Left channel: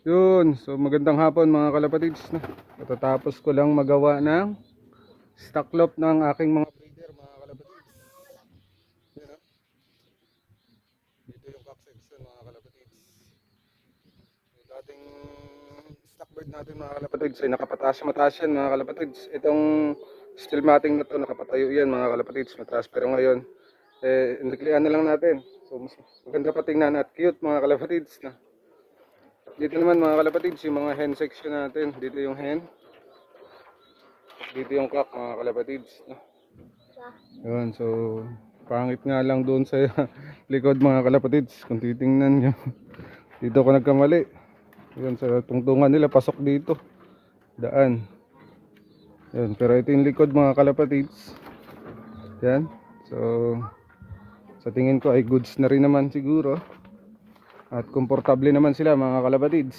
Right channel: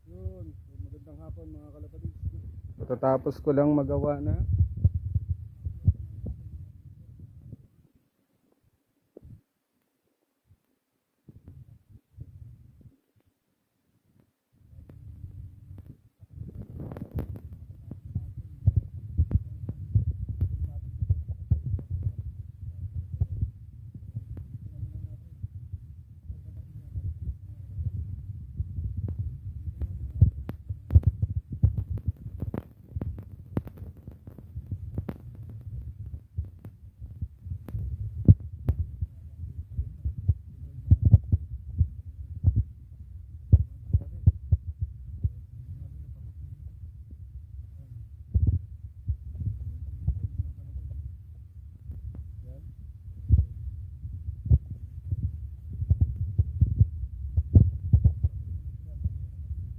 Yun, so magandang hapon mga kalapatids na. Matatapos ko lang magawa ng stock loft ng aking mga breeder mga kalapatids. Yan, oh. Dito yung cock section mga kalapatids. Yung dating stock bird natin mga kalapatids ay nakapataas yan mga kalapatids. Itong steel matting na to nakapatayo yan mga kalapatids, mataas, pero ngayon naglian na lang natin. So mas maganda pa tingnan at cute mga kalapatids na. Dito naman mga kalapatids yung mga hen section natin. Dito yung hen, dito yung cock mga kalapatids. Yun, so pangit nga lang doon sa likod mga kalapatids kung titingnan nyo. Dito ko nagkamali. Yun, sa tungtungan nila pasok dito daan. Yun, pero ito yung likod mga kalapatids. Yan, so sa tingin ko ay goods na rin naman siguro. At komportable naman sila mga kalapatids.